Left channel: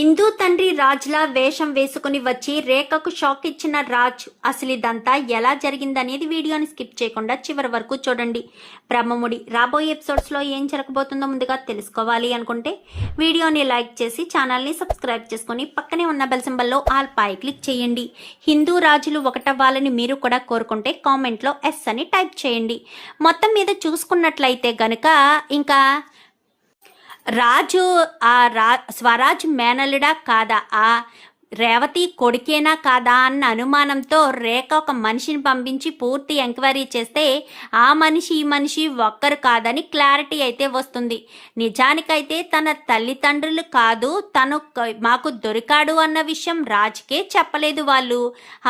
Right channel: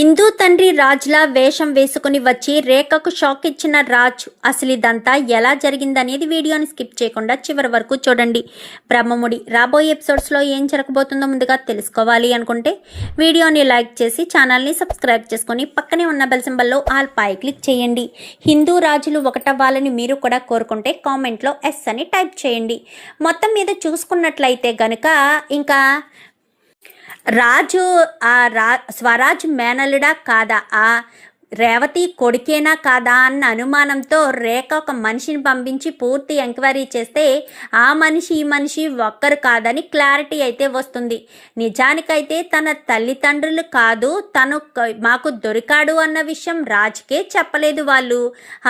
ఇందు తండ్రి రాజ్లా వేషం వేసుకుని వచ్చి రేఖకు షాక్ ఇచ్చిన రాజ్ అసలు ఇదంతా ఎలా జరిగిందనేది వీడియోని స్కిప్ చేయకుండా చివరి వరకు చూడండి. బ్రహ్మముడి రాబోయే ఎపిసోడ్స్లో ఏం జరగబోతుందో ముందుగా తెలుసుకోవాలి అనుకుంటే వీడియోని లైక్ చేసి ఛానల్ని సబ్స్క్రైబ్ చేసుకొని పక్కనే ఉన్న బెల్ సింబల్లో ఆల్ పై క్లిక్ చేయండి. హిందూ రాజులు ఒకటవ్వాలని మీరు కూడా కోరుకుంటే కామెంట్లో ఎస్ అని టైప్ చేయండి. మొత్తం మీద చూసుకున్నట్లయితే గనుక ఇంకా రాజు స్వరాజ్ మేనలుడా కాదా, ఆ రేవతి కొడుకేనా కాదా అన్న అనుమానంతో రేఖ ఒక మనిషిని పంపించి పూర్తి ఎంక్వైరీ చేస్తే ఆ మనిషి ఈ మనిషి ఒక్కరు కాదని క్లారిటీ అయితే వస్తుంది. నిజానికైతే తన తల్లిదండ్రులు కాదు, తను మాకు దొరికాడు అన్న విషయం రాజ్కే చెప్పలేదు వాళ్ళు.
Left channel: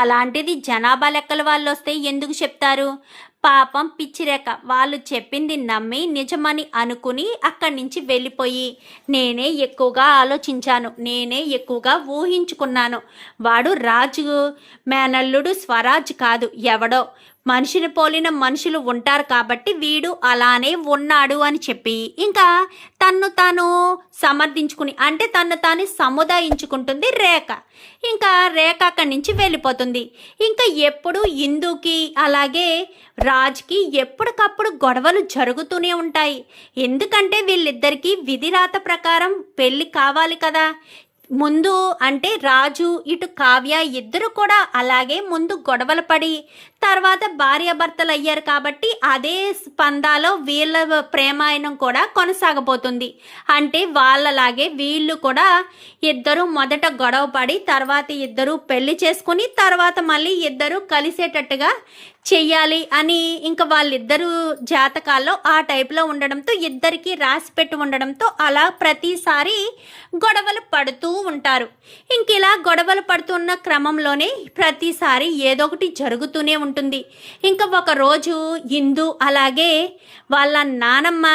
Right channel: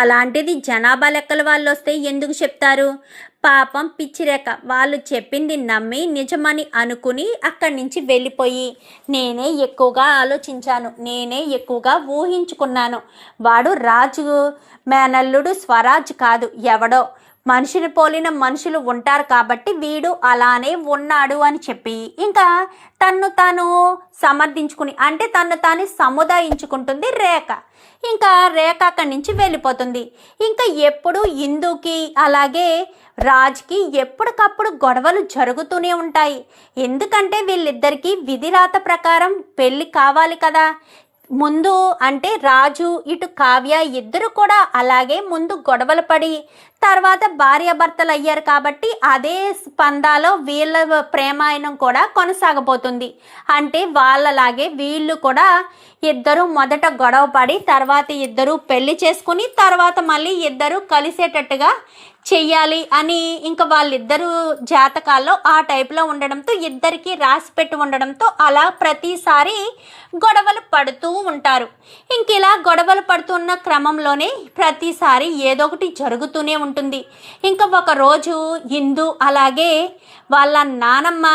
అలాంటిది జనాభా లెక్కల వాళ్ళు వస్తే ఎందుకు చెప్తారు? పాపం పిచ్చిరేఖ వాళ్ళు చెప్పింది నమ్మి నిజమని అనుకుని అక్కడి నుంచి వెళ్ళిపోయి నేనే ఎక్కువగా ఆలోచించాను, నేనే ఎక్కువగా ఊహించుకున్నాను. వాడు రాజు మేనల్లుడు స్వరాజ్ కాదు, ఎవడో మనిషిని పోలిన మనుషులు ఉంటారు కాబట్టి వీడు అలానే ఉన్నాడు అని చెప్పి ఇంకా తన్ను తాను సమర్థించుకుని అంటే తన్ను తాను సముదాయించుకుంటుంది రేఖ. ఇంకా రేఖ అక్కడి నుంచి వెళ్ళిపోతుంది. ఇంకా ఎప్పుడు ఇందుకి అలాగే రాజ్కి ఎప్పటికప్పుడు గొడవలు జరుగుతూనే ఉంటాయి. ఎందుకంటే వీళ్ళిద్దరికీ విధిరాత ప్రకారం పెళ్ళి కావాలి కదా. ముందు అంటే రాజు ఇటు కావ్య ఇద్దరు కూడా అలాగే ముందు గొడవలు పడి తర్వాత భార్యాభర్తలు అయ్యారు కాబట్టి అదే స్పందాలో వీళ్ళ ప్రేమాయణం కూడా కొనసాగబోతుంది. అంటే వాళ్ళలాగే వీళ్ళు కూడా ఇద్దరు మొదట గొడవ పడి తర్వాత ఇద్దరు పెళ్లి చేసుకుని తర్వాత మళ్ళీ ఇద్దరు కలిసేటట్టుగా చెయ్యాలి అని ఇంకా వాళ్ళిద్దరు జాతకాల్లో ఆ టైప్లో ఉండడంతో ఇద్దరికి రాసి పెట్టి ఉండడంతో అలా ప్రతిసారి గొడవలు పడుతూ ఉంటారు. ఇంక ఇలా గొడవలు పడుతున్న క్రమంలోనే ప్రతిసారి ఏదో ఒకటి జరుగుతూనే ఉంటుంది. ఇంకా ఒకరోజు ఇందు అలాగే వాళ్ళ నానమ్మ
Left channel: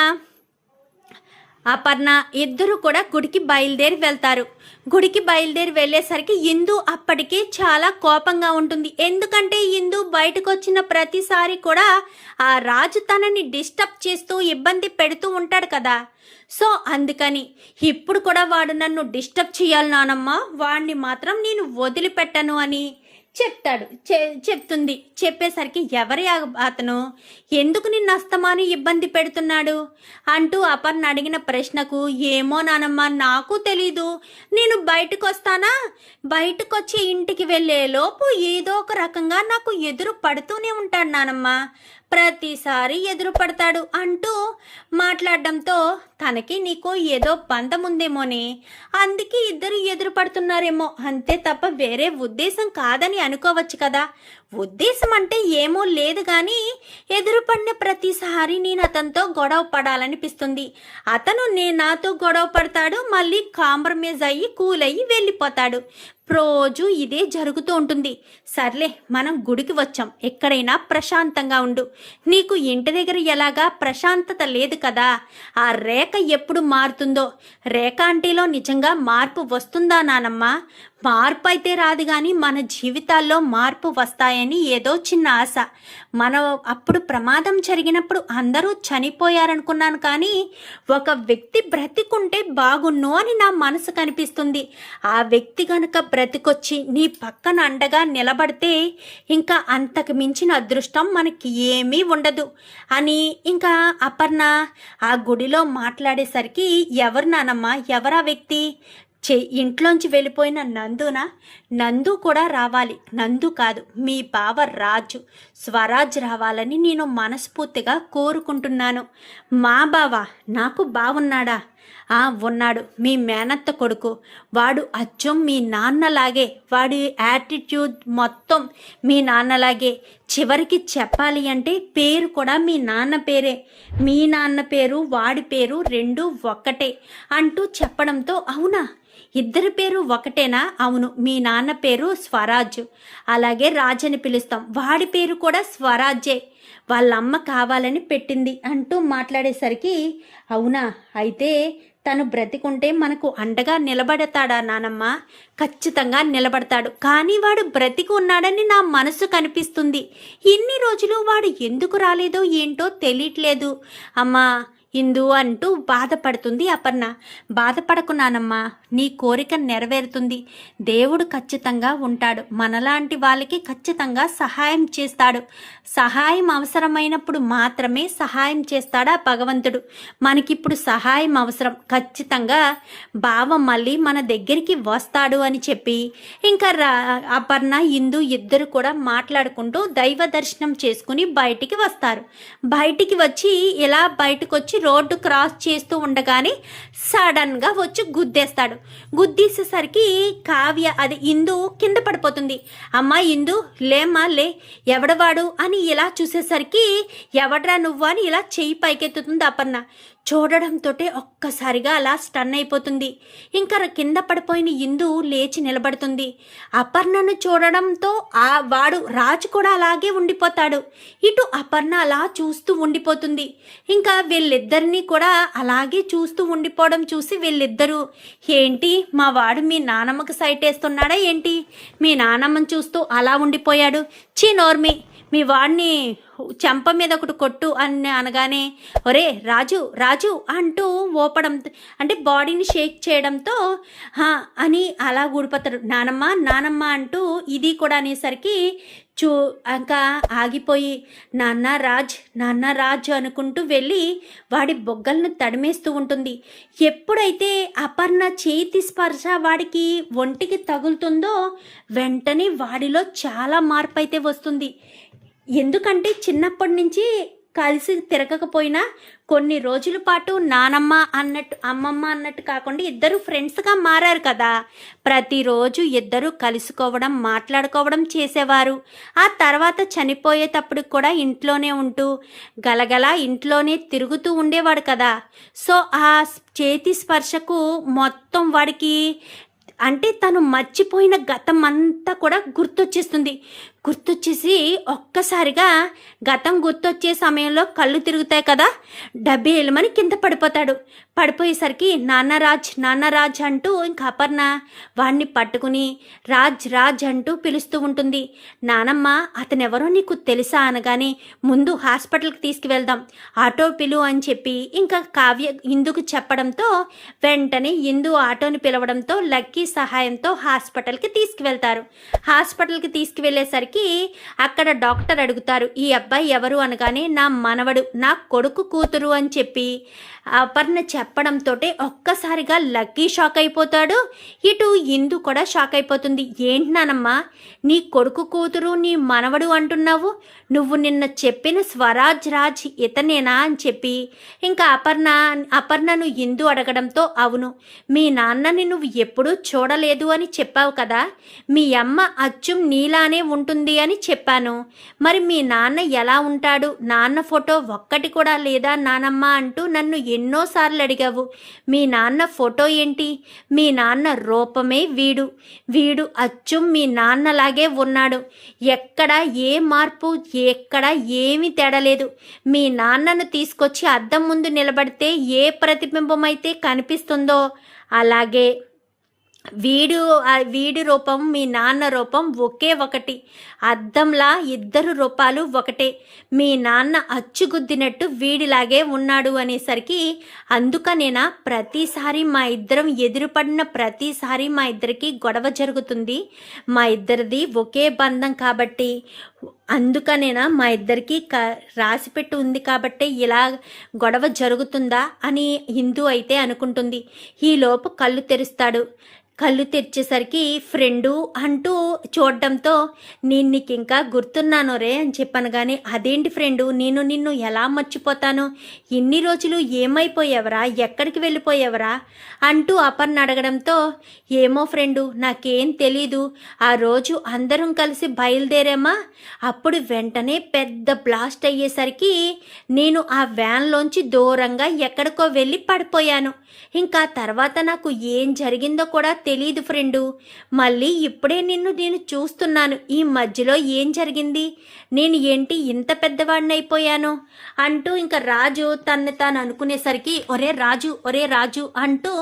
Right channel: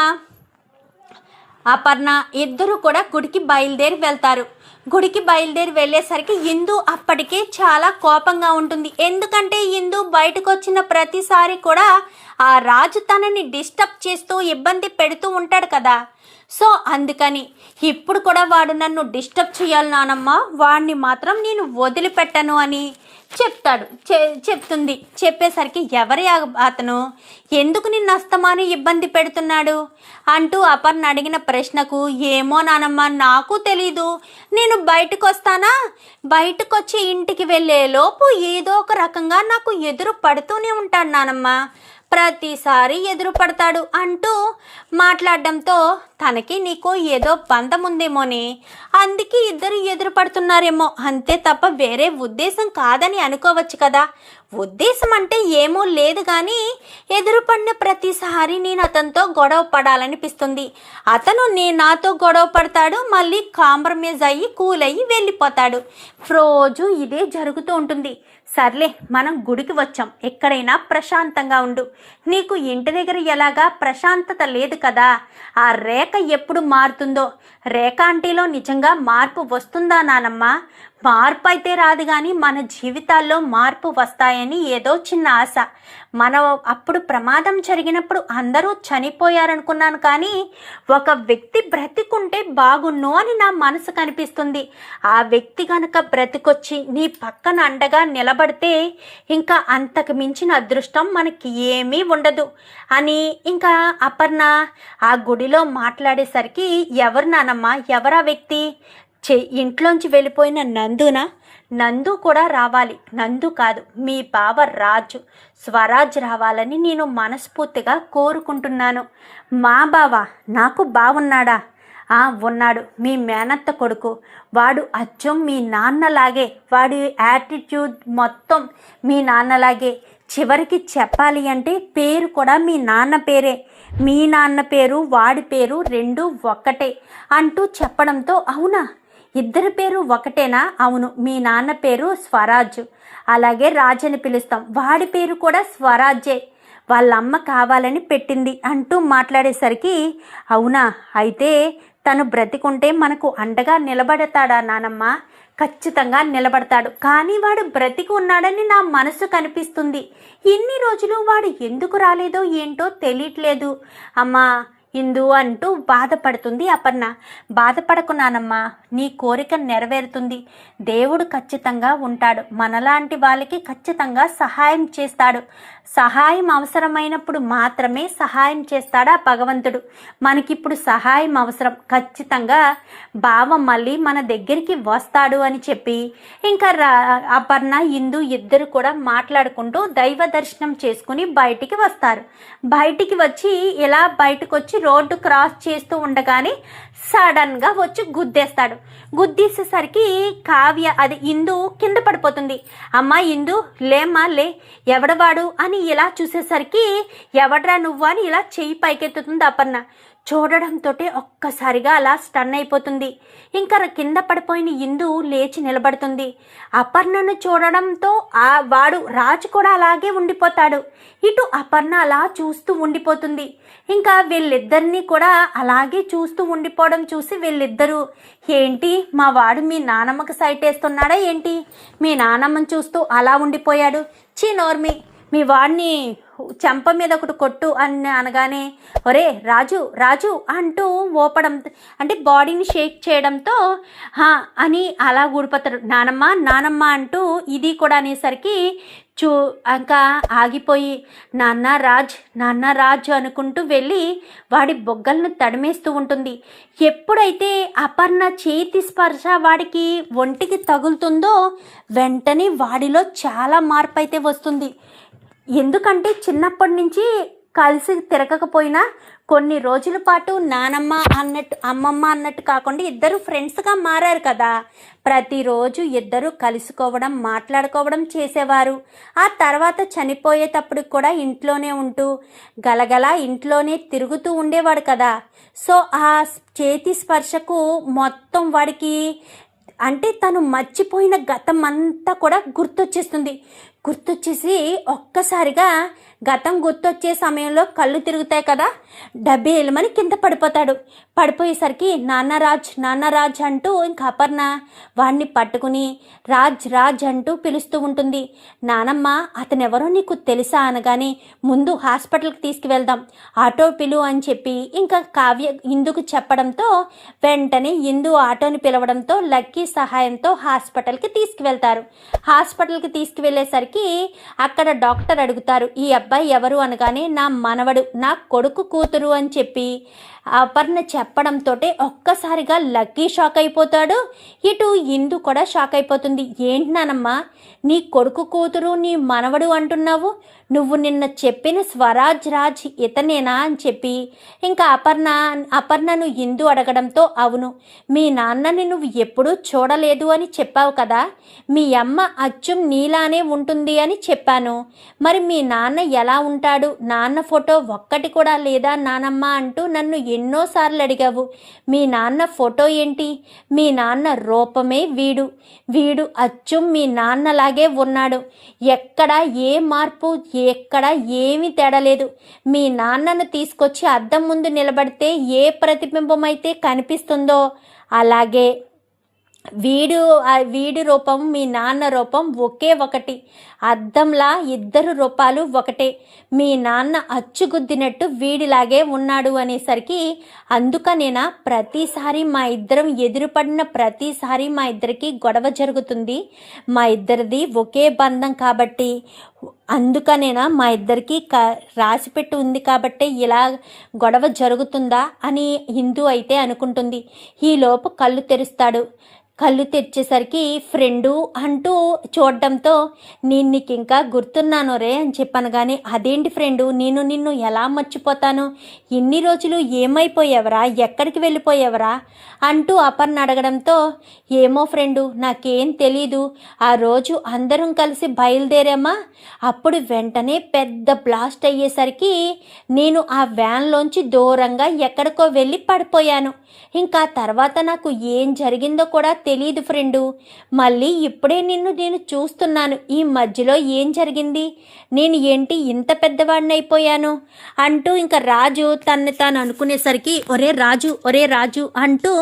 అపర్ణ ఇద్దరు కూడా గుడికి బయలుదేరి వెళ్తారు. గుడికి బయలుదేరి వెళ్ళేసరికి ఇందు అప్పటికే చాలా కోపంగా ఉంటుంది. ఎందుకంటే ఇందు బయటకు వచ్చిన ప్రతిసారి కూడా ఆ రాజు తనని డిస్టర్బ్ చేస్తూ ఇబ్బంది పెడుతూ ఉంటాడు కదా. సో అందుకని ఇప్పుడు కూడా వాడు నన్ను డిస్టర్బ్ చేయాలి నానమ్మ, వాడిని మాత్రం నేను వదిలిపెట్టను అని చెప్తుంది. చెప్పేసరికి ఎవరి అతను, ఎందుకు నిన్ను అస్తమాను ఇబ్బంది పెడుతున్నాడు అంటూ అపర్ణ అడిగిన ప్రశ్నకు ఏమో నానమ్మ నాకు తెలీదు, నేను బయటకు వస్తానా, బయటకు వచ్చి ఇంటికి వెళ్ళే లోపు ఏదో ఒక రకంగా నాకు ఎదురు పడుతూనే ఉంటాడు నానమ్మ, ప్రతిసారి ఎదురు పడతాడు అంటూ మాట్లాడడంతో తనకి నీకు ఏదో బంధం ఉందేమోనే, అందుకే ఇద్దరు ఎదురు పడుతున్నారేమో, అంతే తప్ప వేరే ఉద్దేశం కాదని అనుకోవచ్చు కదా. ఉద్దేశం అంటే ఏమో లేదు కానీ ఎదురుపడిన ప్రతిసారి నేను అతనితో గొడవ పడాలనిపిస్తుంది. అతను నాతో గొడవ పడతాడు, మళ్ళీ కాంప్రమైజ్ అయ్యి కూల్ అయ్యి వెళ్ళిపోతాడు. రోజు ఇదే జరుగుతూ ఉంటుంది. సర్లే మనం గుడికి వచ్చాం, ఎక్కడైనా ప్రశాంతంగా ఉండు. నీకు ఇంటి దగ్గర ఎలాగా ప్రశాంతత లేదు కదా. ఆ రేఖ ఎప్పుడు మారుతుందో, రేఖ ఆంటీలో నిజంగా మార్పు వస్తుందా నానమ్మ? మార్పు అయితే రాదు కానీ మన జీవితాల్లో మార్పు వస్తాయని ఏదో చిన్న ఆశ. మనం అప్పుడు ప్రమాదం జరిగినప్పుడు అందరూ చనిపోయారనుకున్నాను కానీ ఒక వ్యక్తి బ్రతికుంటే బాగున్ను అని నా మనసు కనిపిస్తుంది. ఆ వ్యక్తి కనుక బ్రతికొచ్చి నీ పక్కన అండగా నిలబడితే ఇంకా అంతకు మించిన అదృష్టం మనకి ఏమీ ఉండదు అని ఇంకా అపర్ణ ఆ గుడిలో మాట్లాడేసరికి ఎవరు నానమ్మ, ఎవరా వ్యక్తి? ఇంట్లోంచి వెళ్ళిపోయిన నందునా? నందు కూడా రావాలి. నందు కాదు, మీ బావ రాజు స్వరాజ్ రావాలని నేను మనస్ఫూర్తిగా కోరుకుంటున్నాను. మా బావ నాకు బావున్నాడా? ఉన్నాడు, మీ మేనత్త కొడుకు. వాడు అచ్చం మీ నాన్నలాగే, వాడి యాటిట్యూడ్ మొత్తం మీ నాన్నలాగే. చివరికి చెప్పాలి అంటే పేరు కూడా మీ నాన్న పేరే. మీ నాన్న పేరు వాడి పేరు రెండు ఒక్కటే అంటూ చెప్పడంతో అవునా, ఇద్దరి పేరు ఒకటేనా? అవును, మీ నాన్న పేరు స్వరాజ్, అలాగే రాజ్ అని పిలుస్తాం, వాడి పేరు కూడా స్వరాజే, వాళ్ళమ్మ కావాలని పెట్టింది అంటూ మాట్లాడేసరికి అవునా, అయితే తను బ్రతికుంటే మనకు అండగా నిలబడతాడా నానమ్మ? ఖచ్చితంగా నిలబడతాడు, కానీ వాడు బ్రతికి ఉన్నాడని నా మనసు కనిపిస్తుంది. ఇన్ని రోజులు వాడు ఎందుకు రాలేదో ఏంటో తెలియట్లేదు అమ్మా ఇందు అంటూ బాధపడుతుంది అపర్ణ. బాధపడకు నానమ్మ, నీ కోరిక నెరవేరుతుంది. దేవుడు ఖచ్చితంగా ఉంటాడు. మనలాంటి వాళ్ళకి ఖచ్చితంగా సహాయం చేస్తాడు. సహాయం అవసరమైనప్పుడు మాత్రమే సహాయం చేస్తాడు ఆ భగవంతుడు. మనకిప్పుడు సహాయం అవసరం, ఖచ్చితంగా బావ మళ్ళీ మన దగ్గరికి వస్తాడు అని చెప్పి ఇంకా అపర్ణ ఇందు ఇద్దరు కూడా మాట్లాడుకుంటూ దైవ దర్శనం చేసుకుని బయటికి వస్తారు. బయటికి వచ్చి ఇలా బయటకు వచ్చి రోడ్డు క్రాస్ చేస్తూ ఉండగానే సడన్గా వచ్చి గుద్దేస్తాడు. గుద్దేసేసరికి కావ్య అది ఇందు కింద పడిపోతుంది. అమ్మా ఇందు లేమ్మా లే, ఎవడవాడు అని ఇలా చూసేసరికి ఎవడ్రా నువ్వు అని ఇలా చెయ్యి పైకెత్తుతుంది అపర్ణ. చూడడంతో ఒక్కసారిగా అలా స్టన్ అయిపోతుంది. ఇంకా కింద పడిపోయిన ఇందు లేచి నిలబడుతుంది. అపర్ణను చూడడంతో వాడు రాజు కూడా అలాగే ఉండిపోతాడు. ఇటు అపర్ణ అలా చూస్తూ ఉండిపోతుంది. ఇంకా వీళ్ళిద్దరినీ కూడా అలాగే చూస్తూ ఉండిపోవడం చూసి వీళ్ళిద్దరూ, ఏంటి మా వాడు మీ నానమ్మకి సైట్ వేస్తున్నాడా ఏంటి, మీ నానమ్మని చూస్తూ అలా ఉండిపోయాడు, చీ నోర్మి, మీ వాడిని చెంప మీద ఒకటి కొట్టు అని అనగానే ఒరే రాజు రాజు అంటూ ఓపడం అంటే బాడీని షేక్ చేయడంతో అని అలా ఊడిపోతాడు. నానమ్మ నానమ్మ అంటూ ఇది కూడా అనేసరికి ఇంకా ఆగిపోయి నాన్న రాజ్ అనుకుంటూ వెళ్ళి వాడి బొగ్గలను తడిమేస్తూ ఉంటుంది. ఎప్పుడైతే అపర్ణ చేతి స్పర్శ వాడికి ఒంటికి తగులుతుందో వెంటనే వాడిలో చాలా మార్పు అయితే వస్తుంది. ఎందుకంటే చిన్నప్పటి నుంచి కలిసి తిరగకపోయినా కొన్ని రోజుల పాటు నానమ్మ అన్నట్టు అమ్మమ్మ అన్నట్టు కాకుండా ఇద్దరు ఫ్రెండ్స్గా మారారు కదా. ప్రతిరోజు ఇద్దరు కలుసుకోవడం మాట్లాడుకోవడం చేసేవారు. ఆ తర్వాత చనిపోయేటప్పుడు కూడా ఇంట్లోనే ఉంటూ గలగల ఇంట్లోనే తిరుగుతూ ఉండేవాడు కదా. సో ఆ చేతి స్పర్శకు మొత్తం వాడికి అంటే తను మర్చిపోయిన గతం అంతా కూడా గుర్తొచ్చేసి ఒక్కసారిగా గతం గుర్తొచ్చే సమయంలో కళ్ళు తిరుగుతాయి కదా, డబ్బేలమని కింద పడిపోతాడు. పడిపోయేసరికి నాన్నరాజ్ అంటూ ఇంకా అపర్ణ వాడిని పట్టుకుని రాజ్ అంటూ పిలుస్తూ ఉంటుంది. నానమ్మ అతనెవరో నీకు తెలుసా అనగానే ముందు హాస్పిటల్కి తీసుకువెళ్దాం, ఆటో పిలు అని చెప్పి ఇంకా కావ్య ఇందుకు చెప్పడంతో వెంటనే ఇందు ఆటోని పిలవడంతో లక్కీ సహాయంతో హాస్పిటల్కి తీసుకువెళ్తారు. హాస్పిటల్కి తీసుకువెళ్ళేసరికి అక్కడ డాక్టర్ అడుగుతారు, ఈ అబ్బాయి ఎవరు అనగానే నా మనవడు, నా కొడుకు కూతురు అని చెప్పి అపర్ణ చెప్పడంతో ఒక్కసారిగా లక్కీ షాక్ అయిపోతాడు. ఇటు ఇందు కూడా షాక్ అయిపోతుంది. ఏంటి నానమ్మా నీ కొడుకు కూతురు నీ మనవడు అంటున్నావు, నువ్వు నిన్న చెప్పిన స్వరాజ్ రాజ్ ఇతనేనా అని చెప్పి ఇంకా అపర్ణను ఇందు అడగడంతో అవును, మీ నాన్నని నువ్వు ఎప్పుడూ చూడలేదు అని చెప్పావు కదా, మీ అమ్మ అచ్చం నీలానే ఉంటుంది అని చెప్పాను, మరి మీ నాన్న ఎలా ఉంటాడు, నాన్న ఫోటో ఒక్కటి కూడా లేదా నానమ్మ అంటూ నన్ను ఎన్నోసార్లు అడిగావు, మీ నాన్న ఫోటో ఏంటి, మీ నాన్న రూపమే వీడు అచ్చం మీ నాన్నలాగే ఉన్నాడు, ఎక్కడ ఏ మార్పు ఎక్కడ ఏమీ తేడలేదు, మీ నాన్నను తీసుకొచ్చి అద్దం ముందు నిలబడితే ఏ ప్రతిబింబం అయితే కనిపిస్తుందో అలాగే వీడి రూపం మీ నాన్న రూపం ఒకే ఒకటి, అద్దంలా ఇద్దరు రూపాలు ఒకటే, మీ నాన్న అచ్చుగుద్దినట్టు వీడిలాగే ఉన్నాడు అనేసరికి అందుకనేనా ప్రతిసారి మా ఇద్దరం ఎదురుపడిన ప్రతిసారి మా ఇద్దరికి గొడవ జరుగుతుంది, మా ఇద్దరిది ఒకే బంధం కాబట్టి అందుకనేనా మా ఇద్దరికి రాసిపెట్టి ఉంది కాబట్టి ఇలా గొడవ జరుగుతుందా అని హిందూ అయితే అనుకుంటుంది. ఈలోపు కళ్ళు తెరుస్తాడు. కళ్ళు తెరిచేసరికి ఫ్రెండు అంటూ చూడడంతో నేను నీకు ఇంకా గుర్తున్నాను రే అని చెప్పాను. కానీ అదేంటి ఫ్రెండు, నేను నిన్ను ఎలా మర్చిపోతాను, ఇన్ని రోజులు ఏమైపోయావరా, ఎక్కడికి వెళ్ళిపోయావరా అంటూ అపర్ణ అడగడంతో ఏమో ఫ్రెండు నాకేం తెలీదు, ఆ రోజు అందరం కలిసి బయలుదేరామా, అప్పుడు వెంటనే పెద్ద బ్లాస్ట్ అయ్యేసరికి నేను ఆ వ్యాన్లోంచి దూరంగా ఎక్కడికో వెళ్ళి పడిపోయాను, ఇంకా తర్వాత నాకు ఏం జరిగిందో కూడా తెలీదు ఫ్రెండు, మళ్ళీ ఇప్పుడే నేను చూస్తున్నాను, ఈ మధ్యలో ఏం జరిగింది, నేను ఏంటి ఇంత పెద్దవాడిని అయిపోయాను అంటూ ఇంకా రాజు తాను అనుకునేసరికి ఒరే రాజు అంటూ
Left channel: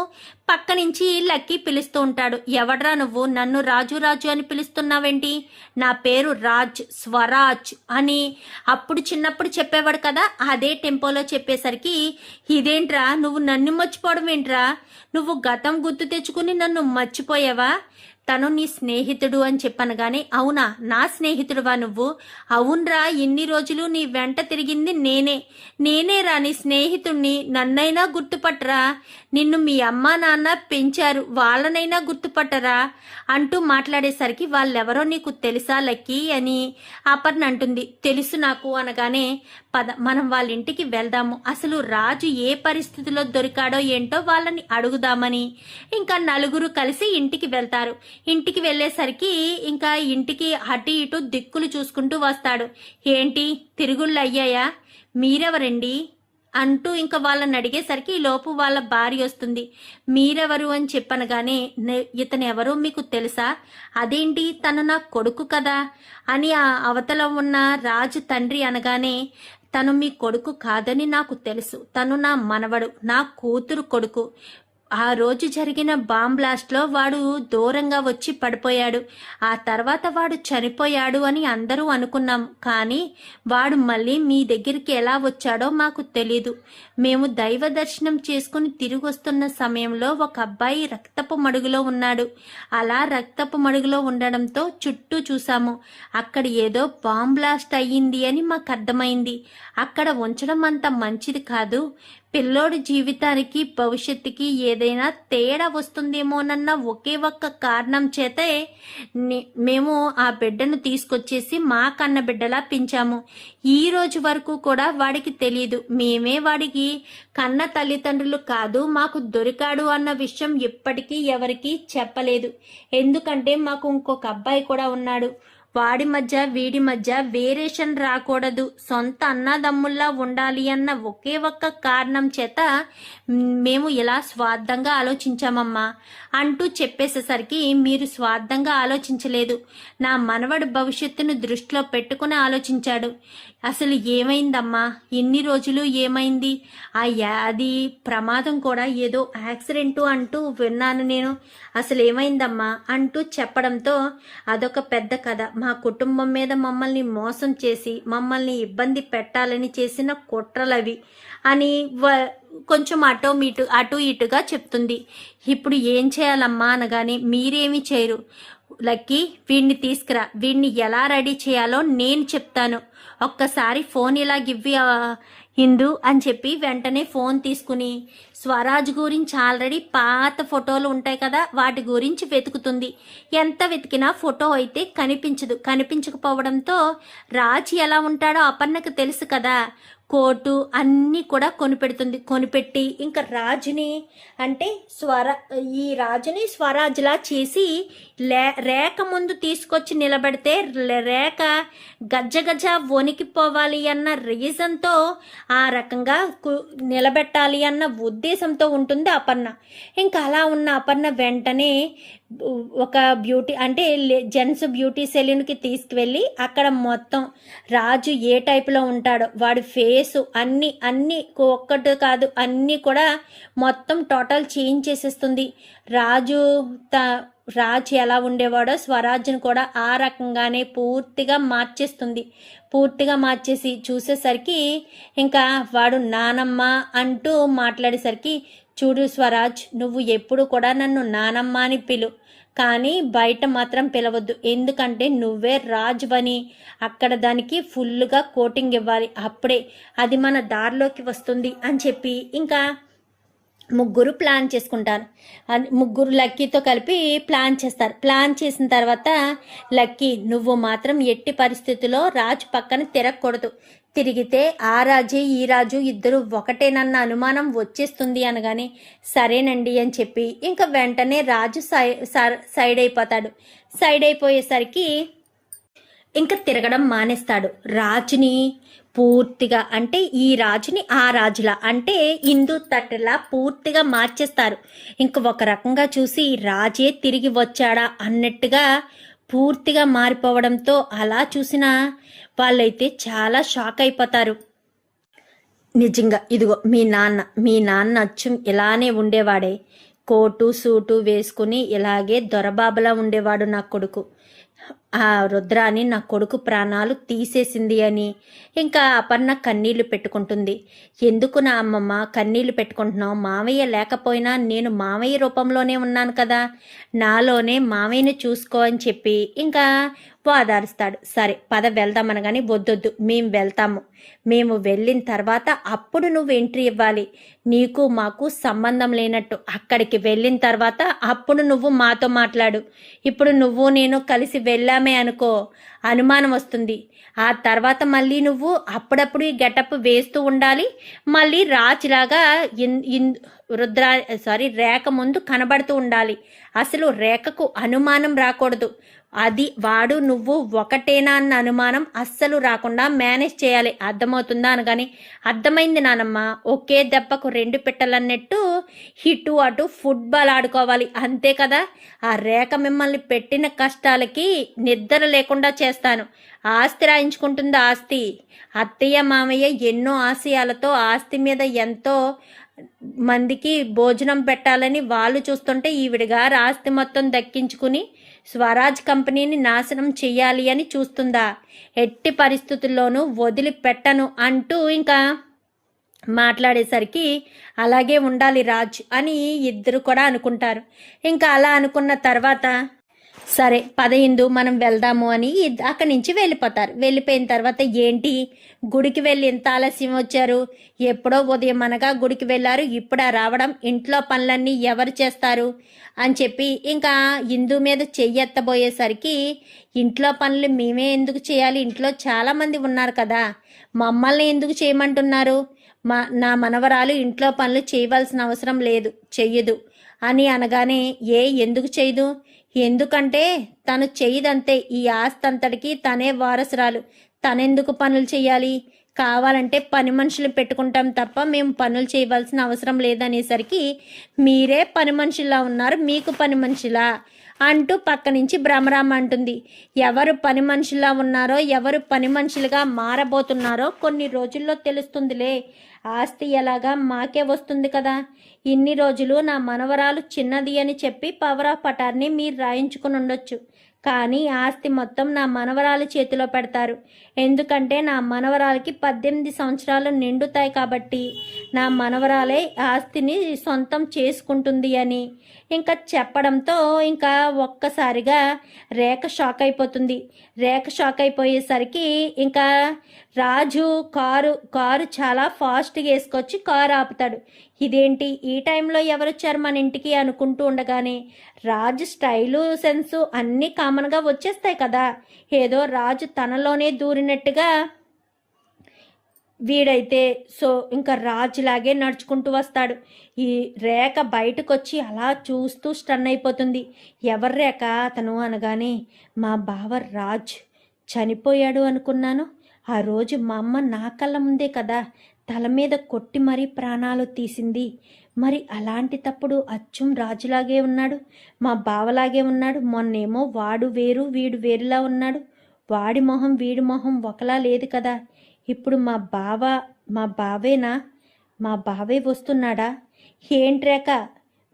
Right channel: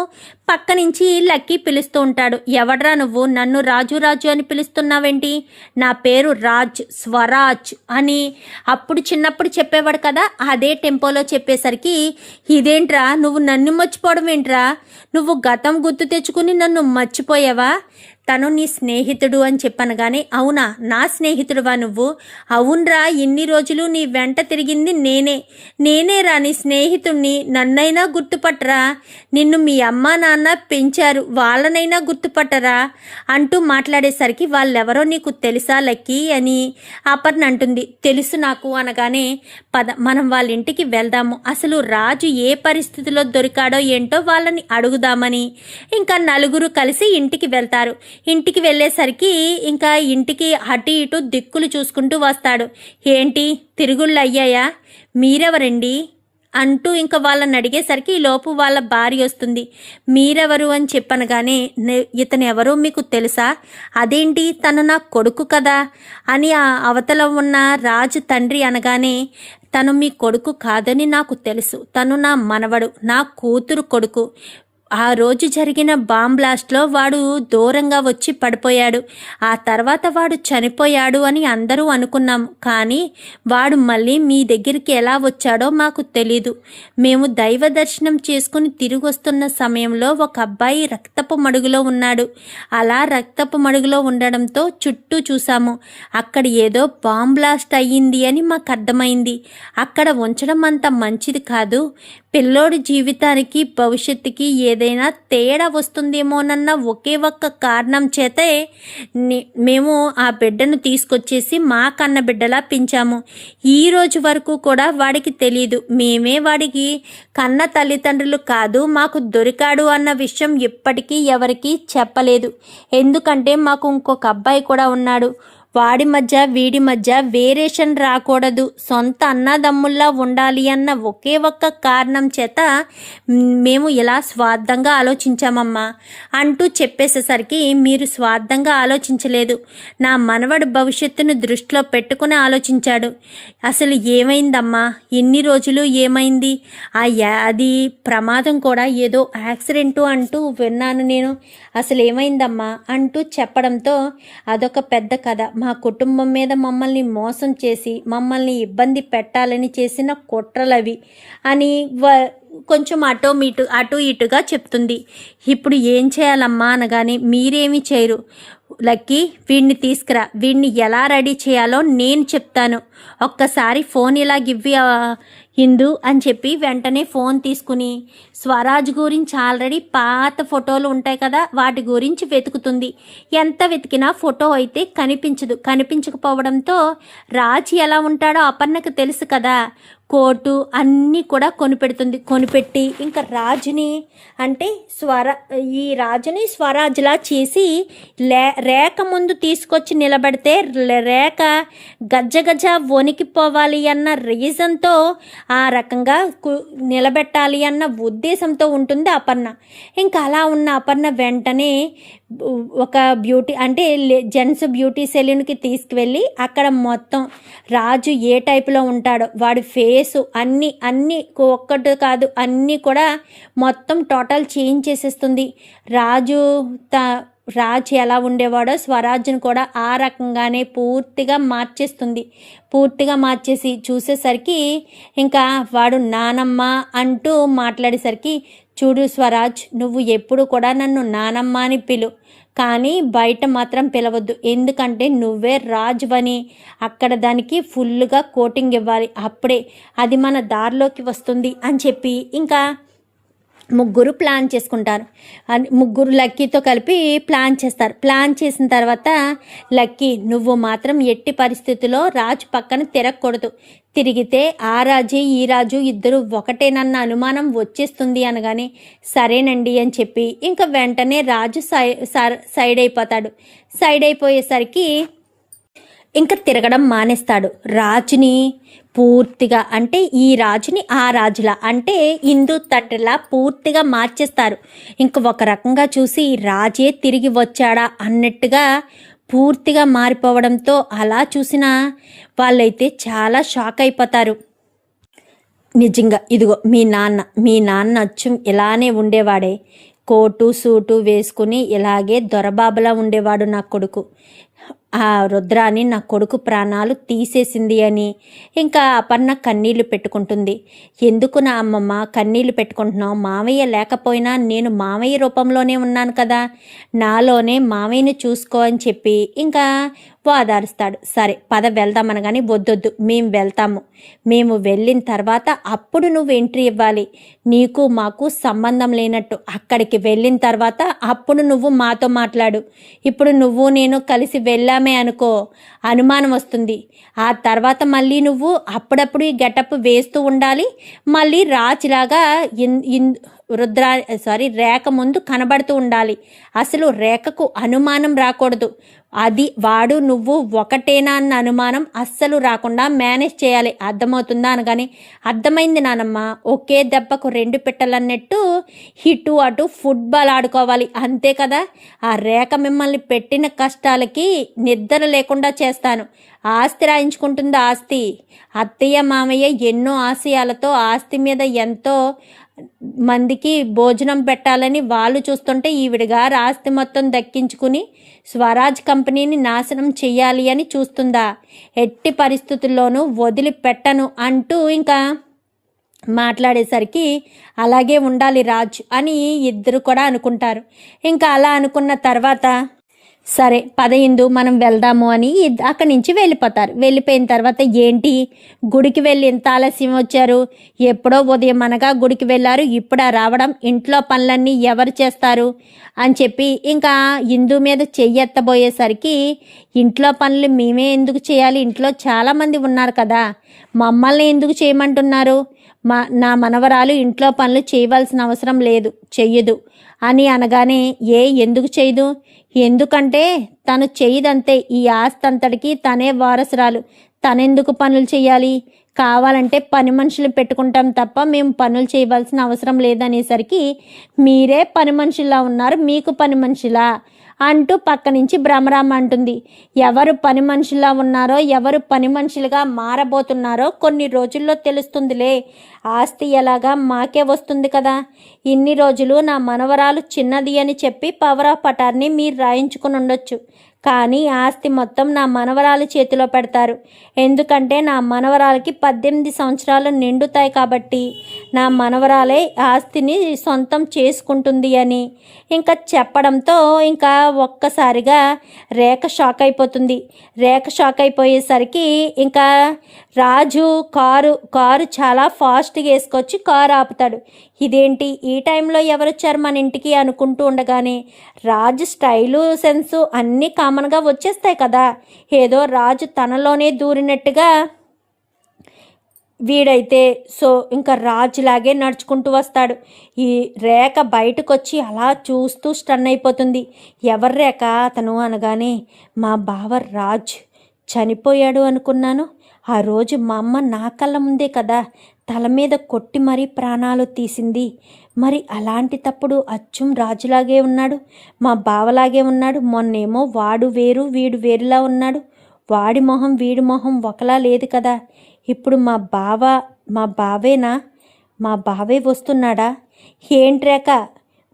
పక్క నుంచి లక్కీ పిలుస్తూ ఉంటాడు. ఎవడ్రా నువ్వు, నన్ను రాజు రాజు అని పిలుస్తున్నావేంటి? నా పేరు రాజ్, స్వరాజ్ అని అప్పుడు చిన్నప్పుడు చెప్పేవాడు కదా, అదే టెంపోలో చెప్పేసరికి ఇదేంట్రా నువ్వు నన్ను మర్చిపోవడం ఏంట్రా? నువ్వు గతం గుర్తు తెచ్చుకుని నన్ను మర్చిపోయావా? తను నీ స్నేహితుడు అని చెప్పనగానే, అవునా నా స్నేహితుడువా నువ్వు? అవునరా, ఇన్ని రోజులు నీ వెంట తిరిగింది నేనేరా నీ స్నేహితుడిని, నన్నైనా గుర్తుపట్టరా? నిన్ను మీ అమ్మా నాన్న పెంచారు, వాళ్ళనైనా గుర్తుపట్టరా అంటూ మాట్లాడేసరికి, వాళ్ళెవరో నీకు తెలుసా లక్కీ అని అపర్ణ అంటుంది. తెలుసు నాకు అనగానే, పద మనం వాళ్ళ ఇంటికి వెళ్దాము, అసలు రాజు ఏ పరిస్థితిలో దొరికాడో ఏంటో వాళ్ళని అడుగుదామని ఇంకా నలుగురు కలిసి ఇంటికి వెళ్తారు. ఇంటికి వెళ్ళేసరికి ఇంకా ఇంటికి అటు ఇటు దిక్కులు చూసుకుంటూ వస్తాడు. ఏంటి తిరుగుళ్ళు అయ్యాయా, మీరెవరండి అంటూ ఇంకా వాళ్ళని అడిగేసరికి లోపు వాళ్ళ భార్య వస్తుంది. మీరెవరు అని చెప్పనగానే, ఇతను ఎవరో మీకు తెలుసా? అదేంటి తను నా కొడుకు కదా అని ఆ అవతల ఉన్న రాజు తండ్రి అనగానే, తను మీ కొడుకు కాదని నాకు తెలుసు, తను నా మనవడు, నా కూతురు కొడుకు. ఆ రోజు జరిగిన బాంబ్ బ్లాస్ట్లో వాడు దూరంగా వచ్చి పడిపోయాడు, ఆ తర్వాత వాడు చనిపోయాడు అని అందరూ అనుకున్నాం. కానీ వాడు మళ్ళీ మీ దగ్గరికి ఎలా వచ్చాడో మాకు తెలీదు. మేము దైవ దర్శనం చేసుకుని తిరిగి వస్తున్న సమయంలో ఒక అబ్బాయి రక్తపు మడుగులో ఉన్నాడు. అలా రక్తపు మడుగులో ఉండడంతో చుట్టూ చూసాము. అక్కడ ఏదో బాంబ్ బ్లాస్ట్ అయ్యింది అని మాకు అర్థమైంది. అక్కడ ఉంచడం అంత మంచిది కాదు. పిల్లోడి జీవితానికి భవిష్యత్తుకి ఏదైనా తేడా వస్తుందేమోనన్న ఒకే ఒక్క కారణం చేతే మేము ఆ బిడ్డను తీసుకొచ్చేసి మా కన్న బిడ్డలా పెంచాము. ఈ రోజు వరకు కూడా వాడికి తెలియదు మేమే వాడికి కన్న తల్లిదండ్రులు కాదు, మాకు దొరికాడు అన్న విషయం ఎప్పటికీ ఎవరికీ చెప్పలేదు. ఎందుకంటే మాకు ఇంకొక అబ్బాయి కూడా ఉన్నాడు. వాడి మధ్య వీడి మధ్య వేరియేషన్ రాకూడదు, సొంత అన్నదమ్ముల్లా ఉండాలి అన్న ఒకే ఒక్క కారణం చేత మేము ఇలా స్వార్థంగా ఆలోచించామమ్మా అంటూ చెప్పేసేసరికి, మీరు స్వార్థంగా ఆలోచించలేదు, నా మనవడి భవిష్యత్తును దృష్టిలో పెట్టుకుని ఆలోచించాడు. అసలు ఏమైందమ్మా, ఇన్ని రోజులు ఏమైంది? అది ప్రమాదం కూడా ఏదో యాక్సిడెంటు అంటూ విన్నాను నేను, అసలు ఏమైందమ్మా అంటూ చెప్పడంతో, అదొక పెద్ద కథ. మా కుటుంబం మీద మమ్మల్ని మోసం చేసి మమ్మల్ని ఇబ్బంది పెట్టాలని చేసిన కుట్రలవి అని కొంచెం అటు ఇటుగా చెప్తుంది. ఇప్పుడు ఏం చేయాలమ్మా అనగానే, మీరేమీ చేయరు లక్కీ, వీడిని తీసుకురా, వీడిని ఎలా రెడీ చేయాలో నేను చెప్తాను, ఒక్కసారి ఫోన్ ఇలా గివ్వి హిందూ అని చెప్పి వెంటనే ఫోన్ తీసుకుని స్వరాజ్ గురించి ఆల్రెడీ పాత ఫోటోలు ఉంటాయి కదా, వాటి గురించి వెతుకుతుంది. ఎంత వెతికినా ఫోటో అయితే కనిపించకపోవడంతో రాజ్ ఎలా ఉంటాడో అపర్ణకు తెలుసు కదా, కోటు అన్నీ కూడా కొనిపెట్టి ఇంకా రాజుని అంటే ఈ రాజుని స్వరాజ్లా చేసి రేఖ ముందు తీసుకొచ్చి నిలబడితే రేఖ గజ్జ వణికిపోవాలి అన్న రీజన్తో ఆ రకంగా నిలబెట్టాలి అన్న ఉద్దేశంతో ఉంటుంది అపర్ణ. ఇంకా అలా ఉన్న అపర్ణ వెంటనే ఒక బ్యూటీ అంటే జెంట్స్ బ్యూటీ సెలూన్కి తీసుకువెళ్ళి అక్కడ మొత్తం రాజు ఏ టైపులో ఉంటాడో వాడి ఫేసు అన్నీ ఒక్కటి కాదు అన్నీ కూడా మొత్తం టోటల్ చేంజ్ చేసేస్తుంది. రాజు ఎలా ఉండేవాడో స్వరాజ్ని కూడా ఆ రకంగానే పూర్తిగా మార్చేసి చూసేసరికి ఇంకా వాడు నానమ్మ అంటూ మాట్లాడేసరికి, చూడు స్వరాజ్, నువ్వు ఎప్పుడు కూడా నన్ను నానమ్మ అని పిలు, కానీ బయట మాత్రం పిలవద్దు, ఎందుకంటే నువ్వే రాజువని అక్కడ దానికి ఫుల్గా కోటింగ్ ఇవ్వాలి, అప్పుడే అది మన దారిలోకి వస్తుంది అని చెప్పి ఇంకా ముగ్గురు ప్లాన్ చేసుకుంటారు. ముగ్గురు లక్కీతో కలిపి ప్లాన్ చేస్తారు. ప్లాన్ చేసిన తర్వాత, లక్కీ నువ్వు మాత్రం ఎట్టి పరిస్థితుల్లో రాజు పక్కన తిరగకూడదు, తిరిగితే ఆ రాజు ఈ రాజు ఇద్దరు ఒకటేనన్న అనుమానం వచ్చేస్తుంది అనగానే, సరేనండి అని చెప్పి ఇంకా వెంటనే రాజు సైడ్ అయిపోతాడు. సైడ్ అయిపోయేసరికి ఇంకా తిరగడం మానేస్తాడు. రాజుని పూర్తిగా అంటే ఈ రాజుని ఆ రాజులా అంటే హిందూ తండ్రిలా పూర్తిగా మార్చేస్తారు. ఇంక ఒక రకంగా చూసి రాజే తిరిగి వచ్చాడా అన్నట్టుగా పూర్తిగా మారిపోవడంతో అలా చూసిన వాళ్ళైతే చాలా షాక్ అయిపోతారు. నిజంగా ఇదిగో మీ నాన్న అచ్చం ఇలానే ఉండేవాడే, కోటు సూటు వేసుకుని ఇలాగే దొరబాబులా ఉండేవాడు నా కొడుకు. ఆ రుద్రాని నా కొడుకు ప్రాణాలు తీసేసింది అని ఇంకా అపర్ణ కన్నీళ్లు పెట్టుకుంటుంది. ఎందుకు నా అమ్మమ్మ కన్నీళ్లు పెట్టుకుంటున్నావు? మావయ్య లేకపోయినా నేను మావయ్య రూపంలోనే ఉన్నాను కదా, నాలోనే మావయ్యని చూసుకో అని చెప్పి ఇంకా ఓదారుస్తాడు. సరే పద వెళ్దామనగాని వద్దొద్దు, మేము వెళ్తాము. మేము వెళ్ళిన తర్వాత అప్పుడు నువ్వు ఎంట్రీ ఇవ్వాలి. నీకు మాకు సంబంధం లేనట్టు అక్కడికి వెళ్ళిన తర్వాత అప్పుడు నువ్వు మాతో మాట్లాడు. ఇప్పుడు నువ్వు నేను కలిసి వెళ్ళామే అనుకో, అనుమానం వస్తుంది. ఆ తర్వాత మళ్ళీ నువ్వు అప్పుడప్పుడు ఈ గెటప్ వేస్తూ ఉండాలి. మళ్ళీ రాజులాగా రేఖ ముందు కనబడుతూ ఉండాలి. అసలు రేఖకు అనుమానం రాకూడదు. అది వాడు నువ్వు ఒకటేనా అన్న అనుమానం అస్సలు రాకుండా మేనేజ్ చేయాలి. అర్థమవుతుందా అనగానే అర్థమైంది నానమ్మ, ఒకే దెబ్బకు రెండు పిట్టలన్నట్టు ఇటు అటు ఫుట్బాల్ ఆడుకోవాలి అంతే కదా. ఆ రేఖ మిమ్మల్ని పెట్టిన కష్టాలకి నిద్ర లేకుండా చేస్తాను. ఆస్తి రాయించుకుంటుంది. ఆస్తి అత్తయ్య మామయ్య ఎన్నో ఆశయాలతో ఆస్తి మీద ఎంతో మందికి భోజనం పెట్టాలని వాళ్ళు చూస్తుంటే ఈవిడిగారు ఆస్తి మొత్తం దక్కించుకుని స్వరాజ్ కంపెనీని నాశనం చెయ్యాలి అని చూస్తుందా? ఎట్టి పరిస్థితుల్లోనూ వదిలిపెట్టను అంటూ ఇంకా మాట్లాడేసరికి అలాగే ఉండాలి రాజ్ అని ఇద్దరు కూడా అనుకుంటారు. ఇంకా అలా అనుకున్న తర్వాత సరే పద ఇందు మనం వెళ్దాము అని అక్కడి నుంచి వెళ్ళిపోతారు. వెళ్ళిపోయిన తర్వాత ఏంటి గుడికి వెళ్ళి ఇంత ఆలస్యం వచ్చారు? ఎప్పుడో ఉదయం అనగా గుడికి వెళ్ళారు, ఇప్పుడా రావడం? ఇంట్లో పనులన్నీ ఎవరు చేస్తారు అని చెప్పి ఇంకా ఇందు మీద చెయ్యెత్తబోయేసరికి ఇంట్లో పనులు మేమే ఎందుకు చేయాలి? ఇంట్లో చాలామంది ఉన్నారు కదా, మమ్మల్ని ఎందుకు చేయమంటున్నారు? నా మనవరాలు ఇంట్లో పనులు చేయవలసిన అవసరం లేదు, చెయ్యదు అని అనగానే ఎందుకు చేయదు? ఎందుకంటే తను చెయ్యదంతే. ఈ ఆస్తి అంతటికి తనే వారసురాలు, తనెందుకు పనులు చేయాలి? కావాలంటే పని మనుషులు పెట్టుకుంటాం తప్ప మేము పనులు చేయవలసిన అవసరం లేదనేసరికి మీరే పని మనుషుల్లా ఉన్నారు, మీకు పని మనుషులా అంటూ పక్క నుంచి భ్రమరామ అంటుంది. ఎవరు పని మనుషుల్లా ఉన్నారో ఎవరు పని మనుషులుగా మారబోతున్నారో కొన్ని రోజుల్లో తెలుస్తుందిలే. ఆస్తి ఎలాగా మాకే వస్తుంది కదా. ఇన్ని రోజులు నా మనవరాలు చిన్నది అని చెప్పి పవర్ ఆఫ్ పటార్ని మీరు రాయించుకుని ఉండొచ్చు, కానీ ఆస్తి మొత్తం నా మనవరాలు చేతిలో పెడతారు. ఎందుకంటే నా మనవరాలకి 18 సంవత్సరాలు నిండుతాయి కాబట్టి నా మనవరాలే ఆస్తిని సొంతం చేసుకుంటుంది అని ఇంకా చెప్పడంతో ఇంకా ఒక్కసారిగా రేఖ షాక్ అయిపోతుంది. రేఖ షాక్ అయిపోయేసరికి ఇంకా రాజు కారు చాలా ఫాస్ట్గా వేసుకొచ్చి కారు ఆపుతాడు. ఇదేంటి ఈ టైంలో ఎవరొచ్చారు మన ఇంటికి అనుకుంటూ ఉండగానే రాజు స్టైలు సెన్సు అన్నీ కామన్గా వచ్చేస్తాయి కదా. ఏదో రాజు తనలోనే దూరినట్టుగా వీడైతే ఇంకా రాజులాగే నడుచుకుంటూ వస్తాడు. ఈ రేఖ బయటకు వచ్చి అలా చూస్తూ స్టన్ అయిపోతుంది. ఎవరు రేఖ అతను అనగానే మా బావ రాజ్ చనిపోయాడు అనుకున్నాను. ఆ రోజు మా అమ్మ నా కళ్ళ ముందే కదా తల మీద కొట్టి మరీ ప్రాణాలు తీసింది. మరి అలాంటి తప్పుడు అచ్చం రాజులాగే ఉన్నాడు, మా బావలాగే ఉన్నాడు. మొన్నేమో వాడు వేరు వీడు వేరులా ఉన్నాడు. వాడి మొహం వీడి మొహం ఒకలా లేదు కదా. ఇప్పుడు మా బావేనా? మా బావే వస్తున్నాడా? ఏంట్రేక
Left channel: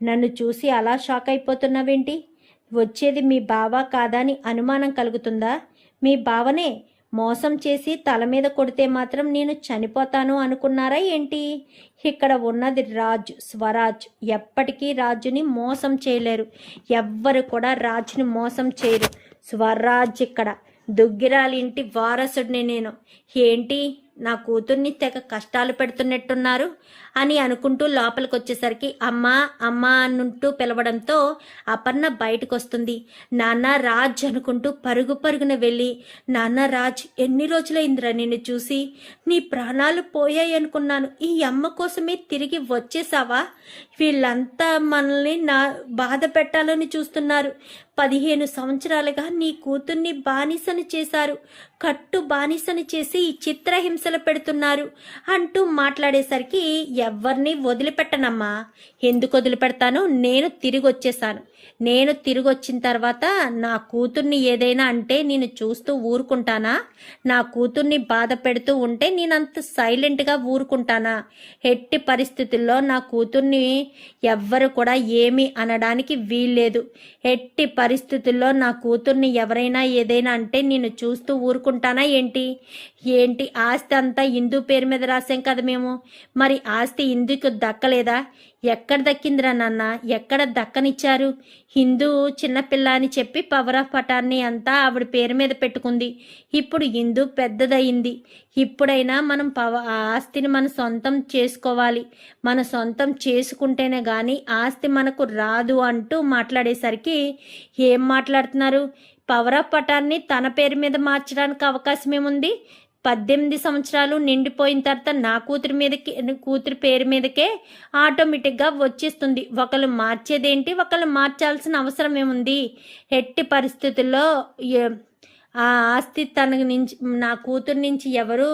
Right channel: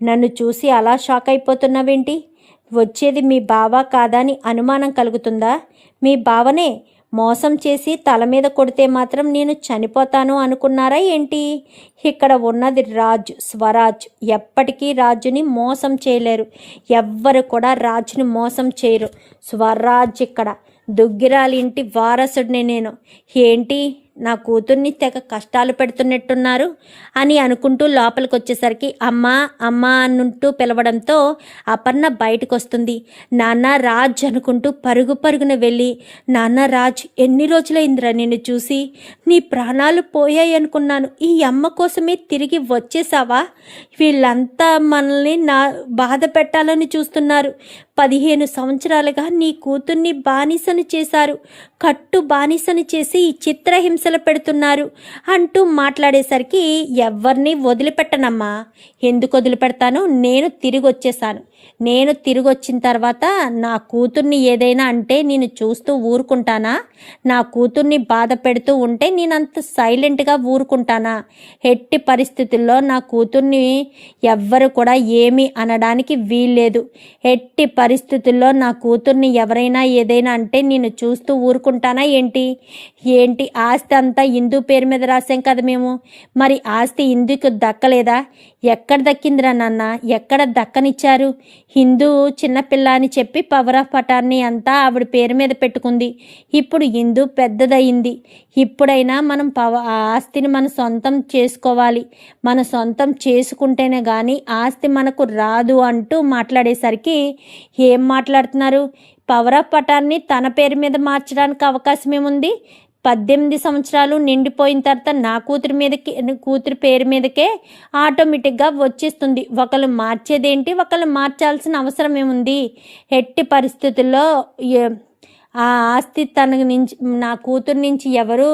నన్ను చూసి అలా షాక్ అయిపోతున్నావేంటి? వచ్చేది మీ బావ కాదా అని అనుమానం కలుగుతుందా? మీ బావనే మోసం చేసి తల మీద కొడితే మాత్రం నేను చనిపోతాను అనుకున్నారా ఏంటి? ఇక్కడ ఉన్నది రాజు, స్వరాజ్. ఎప్పటికీ రాజుని మోసం చేయలేరు. ఎవ్వరు కూడా రాజుని మోసం చేయరు. స్వరాజ్ ఇక్కడ దుగ్గిరాలింటి వారసుడిని నేను. ఏంటి నా కూతుర్ని తెగ కష్టాలు పెడుతున్నట్టున్నారు అని అనుకుంటూ లోపలికి వచ్చేసరికి అమ్మా అమ్మా అంటూ పిలవడంతో అపర్ణ బయటకు వస్తుంది. నాన్న రాజ్ అనుకుంటూ పరుగున వెళ్ళి, నాన్న రాజ్ ఎన్ని రోజులైందిరా నిన్ను చూసి? నీ ప్రాణాలు పోయాయి అనుకున్నాను. ఈ అమ్మ కోసమే తిరిగి వచ్చేసావా? వీళ్ళంతా మనల్ని బాధ పెట్టాలని చూస్తున్నారు. 15 సంవత్సరాలుగా నీ కూతుర్ని బానిసని చేశారు, కట్టు బానిసని చేసి చిత్రహింసలు పెడుతున్నారు అంటూ మాట్లాడేసరికి ఎవరిని వదిలిపెట్టనమ్మా. ఎందుకు వదిలిపెడతాను? నేను తిరిగి వచ్చేసాను. నేను తిరిగి వచ్చిన తర్వాత నా కూతుర్ని ఏదైనా అంటే నేను చూస్తూ ఊరుకుంటానా? నా కూతుర్ని బాధ పెడుతూ ఉంటే నేనంత సైలెంట్గా ఊరుకుంటానా? ఎట్టి పరిస్థితుల్లో నా కూతుర్ని ఎవ్వరు కూడా ఏమీ అనడానికి వీల్లేదు. ఎట్టి పరిస్థితుల్లో నా కూతుర్ని ఎవరైనా ఏదైనా అంటే నేను చూస్తూ ఊరుకుంటానా ఏంటి? ఆస్తి అంతా ఇందు పేరు మీద రాసాం కదా మేము. మరి ఆస్తి ఇందుకు దక్కలేదా? ఎక్కడ దక్కిందిరా నాన్న? ఎక్కడ దక్కనిచ్చారు? హిందూ చిన్నపిల్ల అని చెప్పి పవర్ ఆఫ్ పటాన్ని అంతా ఆవిడ పేరు మీద పెట్టుకుంది. ఇప్పుడు హిందూ పెద్దదయింది. ఇప్పుడైనా మనం ఆస్తిని మన సొంతం చేసుకోవాలి. మన సొంతం చేసుకుంటేనే కానీ ఆస్తి మనకు రాదు అంటూ మాట్లాడేసరికి ఏం మాట్లాడుతున్నారు? పవర్ ఆఫ్ పటాన్ని తన పేరు మీద మార్చడానికి అవకాశం ఏముంది? 18 సంవత్సరాలు నిండిపోయిన తర్వాత నా కూతురి పేరు మీదకే ఆటోమేటిక్గా వచ్చేస్తుంది. ఒకళ్ళు మార్చేదేంటి? ఒకళ్ళు మార్చాల్సిన అవసరం ఏముంది? ఎట్టి పరిస్థితుల్లో ఆ ఆస్తి నా కూతురు నుంచి ఎవరు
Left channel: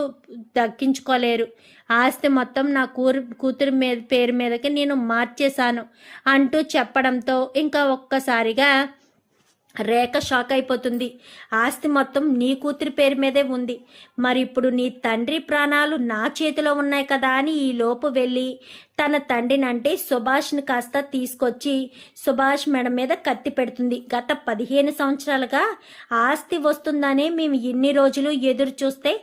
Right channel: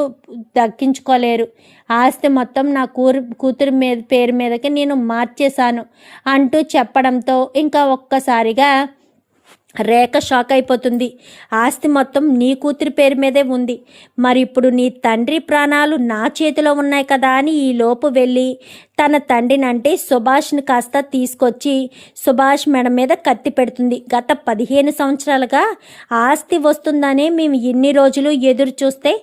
దక్కించుకోలేరు. ఆస్తి మొత్తం నా కూతురు పేరు మీదకి నేను మార్చేశాను అంటూ చెప్పడంతో ఇంకా ఒక్కసారిగా రేఖ షాక్ అయిపోతుంది. ఆస్తి మొత్తం నీ కూతురి పేరు మీదే ఉంది. మరి ఇప్పుడు నీ తండ్రి ప్రాణాలు నా చేతిలో ఉన్నాయి కదా అని ఈ లోపు వెళ్ళి తన తండ్రిని అంటే సుభాష్ని కాస్త తీసుకొచ్చి సుభాష్ మెడ మీద కత్తి పెడుతుంది. గత 15 సంవత్సరాలుగా ఆస్తి వస్తుందనే మేము ఇన్ని రోజులు ఎదురు చూస్తే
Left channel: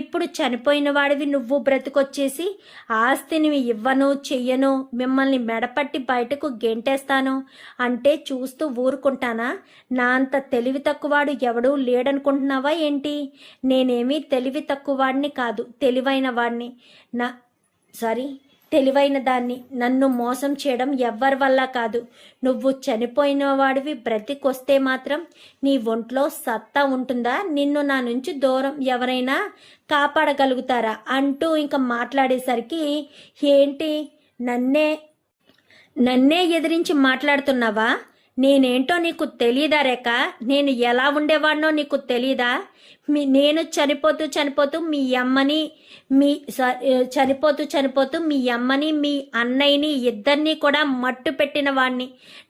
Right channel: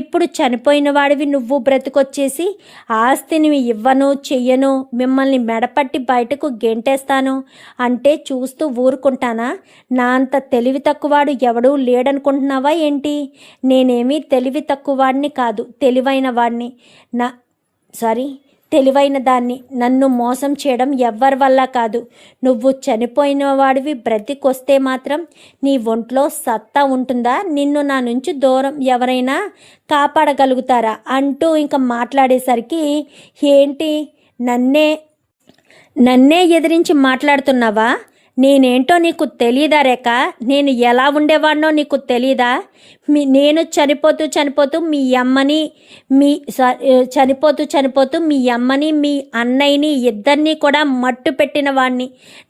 ఇప్పుడు చనిపోయిన వాడివి నువ్వు బ్రతికొచ్చేసి ఆస్తిని ఇవ్వను చెయ్యను, మిమ్మల్ని మెడపట్టి బయటకు గెంటేస్తాను అంటే చూస్తూ ఊరుకుంటానా? నా అంత తెలివి తక్కువవాడు ఎవడూ లేడనుకుంటున్నావా ఏంటి? నేనేమీ తెలివి తక్కువవాడిని కాదు, తెలివైన వాడిని. తెలివైన దాన్ని. నన్ను మోసం చేయడం ఎవ్వరి వల్ల కాదు. నువ్వు చనిపోయిన వాడివి బ్రతికొస్తే మాత్రం నీ ఒంట్లో సత్తా ఉంటుందా? నిన్ను నా నుంచి దూరం ఎవరైనా కాపాడగలుగుతారా అంటూ ఇంకా మాట్లాడేసరికి ఏంటి నన్నే ఎదిరించి మాట్లాడుతున్నావా? నేనేంటో నీకు తెలియదా రేఖ? నేను ఎలా ఉండేవాడినో నీకు తెలీదా? నేను చనిపోతూ మీ అమ్మని చనిపోతూ మీ అమ్మని మీ అన్నయ్యని ఇద్దరినీ కూడా మట్టు పెట్టిన వాడిని.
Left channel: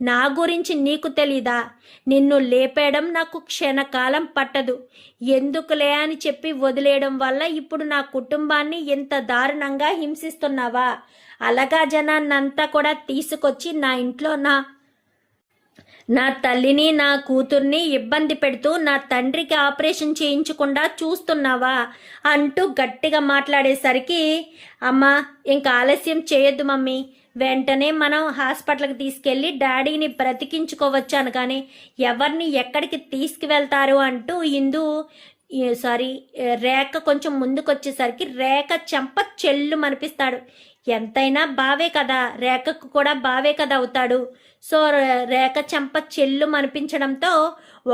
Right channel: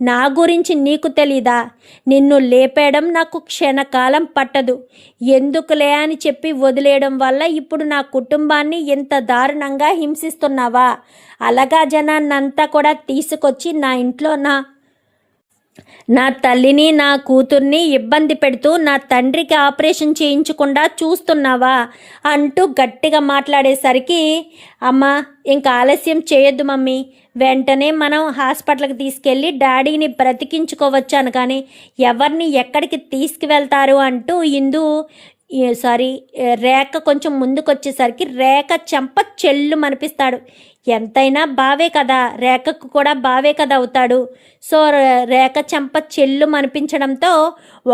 నా గురించి నీకు తెలీదా? నిన్ను లేపేయడం నాకు క్షణకాలం పట్టదు. ఎందుకులే అని చెప్పి వదిలేయడం వల్ల ఇప్పుడు నా కుటుంబాన్ని ఇంత దారుణంగా హింసిస్తున్నావా? అలాగా జనాన్నంతా కూడా తీసుకొచ్చి నా ఇంట్లో నా తల్లిని నా కూతుర్ని ఇబ్బంది పెడుతూ నా తండ్రికి ఆపరేషన్ చేయించకుండా చూస్తున్నావా అంటూ గట్టిగా మాట్లాడేసరికి అమ్మ ఇంకా ఆలస్యం చేయొద్దు మమ్మీ, వెంటనే మనం హాస్పిటల్కి తీసుకెళ్ళి డాడీని బ్రతికించుకోవచ్చు అనగానే ఎవరిని ఎక్కడికి తీసుకువెళ్తారు అంటూ రేఖ కొంచెం ముందుకొచ్చేసరికి రేఖ చెంప చెల్లు మనిపిస్తాడు. ఎంతైనా బావే కదా, రేఖకు కూడా బావే కదా అవుతాడు. సో రేఖ చెంప చెల్లు మనిపించడంతో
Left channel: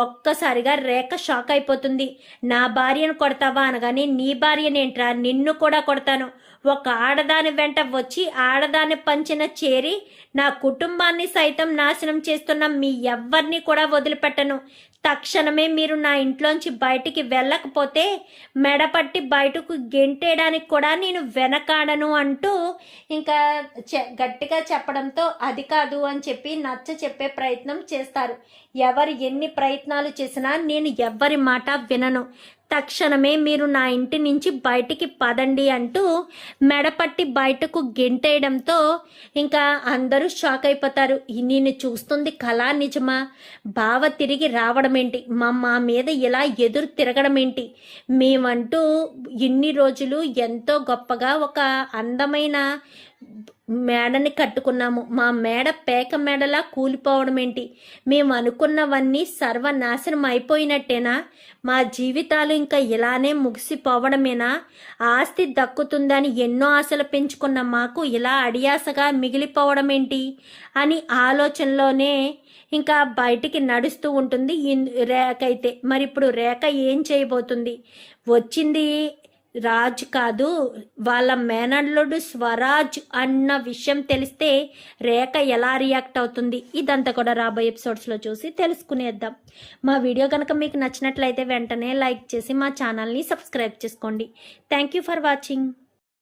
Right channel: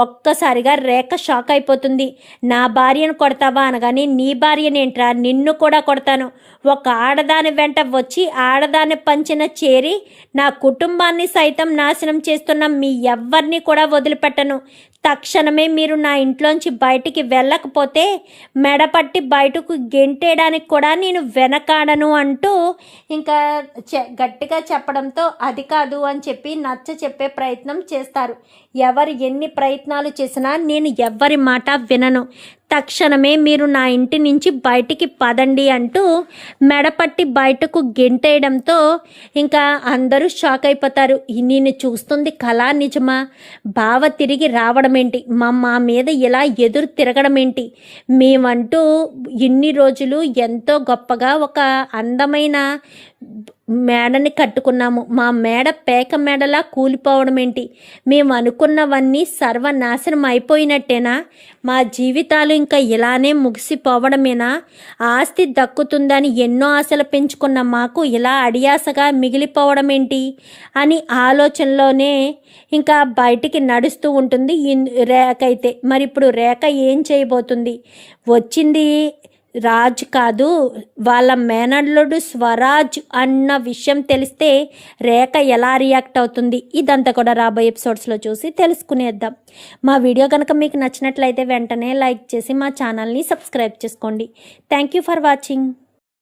ఒక్కసారిగా రేఖ షాక్ అయిపోతుంది. నా భార్యను కొడతావా అనగానే నీ భార్యనేంట్రా, నిన్ను కూడా కొడతాను. ఒక ఆడదాని వెంట వచ్చి ఆడదాని పంచిన చేరి నా కుటుంబాన్ని సైతం నాశనం చేస్తున్న మీ ఎవ్వరిని కూడా వదిలిపెట్టను. తక్షణమే మీరు నా ఇంట్లోంచి బయటికి వెళ్ళకపోతే మెడపట్టి బయటకు గెంటేయడానికి కూడా నేను వెనకాడను అంటూ ఇంకా గట్టిగా చెప్పడంతో అది కాదు అని చెప్పి నచ్చ చెప్పే ప్రయత్నం చేస్తారు. ఎవరు ఎన్ని ప్రయత్నాలు చేసినా నేను ఎవ్వరి మాట వినను. తక్షణమే మీరు నా ఇంటి నుంచి బయటికి పదండి అంటూ మెడపట్టి బయటకు గెంటేయడంతో ఇంకా అందరూ షాక్ అయిపోతారు. నేను చూస్తుంది కళ నిజమా? బావ తిరిగి రావడం ఏంటి? మా మీద ఇలా ఎదురు తిరగడం ఏంటి? మేమంటూ ఇన్ని రోజులు ఎంతో గొప్పగా ఒక అందమైన మేడని కట్టుకున్నాము. మా మేడ పేక మేడలా కూలిపోవడం ఏంటి? మేము అనుకున్నవన్నీ సర్వనాశనం అయిపోయినట్టేనా? మా జీవితాలు ఇంకా ఇలానే ముగిసిపోవడమేనా? ఆస్తి దక్కుతుందని ఎన్నో ఆశలు పెంచుకున్న మాకు ఇలా అడియాసగా మిగిలిపోవడం ఏంటి అని ఆలోచనలోనే ఇంకా బయటికి నడుస్తూ ఉంటుంది రేఖ అయితే. మరి ఇప్పుడు రేఖ ఏం చేయబోతుంది? వచ్చింది రాజ్ కాదు, వాళ్ళ మేనల్లుడు స్వరాజ్ అన్న విషయం తెలిస్తే రేఖ ఎలా రియాక్ట్ అవుతుంది? ఇదంతా కూడా రాబోయే ఎపిసోడ్స్లో చూసి తెలుసుకునేద్దాం. మా వీడియో కనుక మీకు నచ్చినట్లయితే వెంటనే లైక్ చేసి మా ఛానల్ని సబ్స్క్రైబ్ చేసుకోండి. Thank you for watching.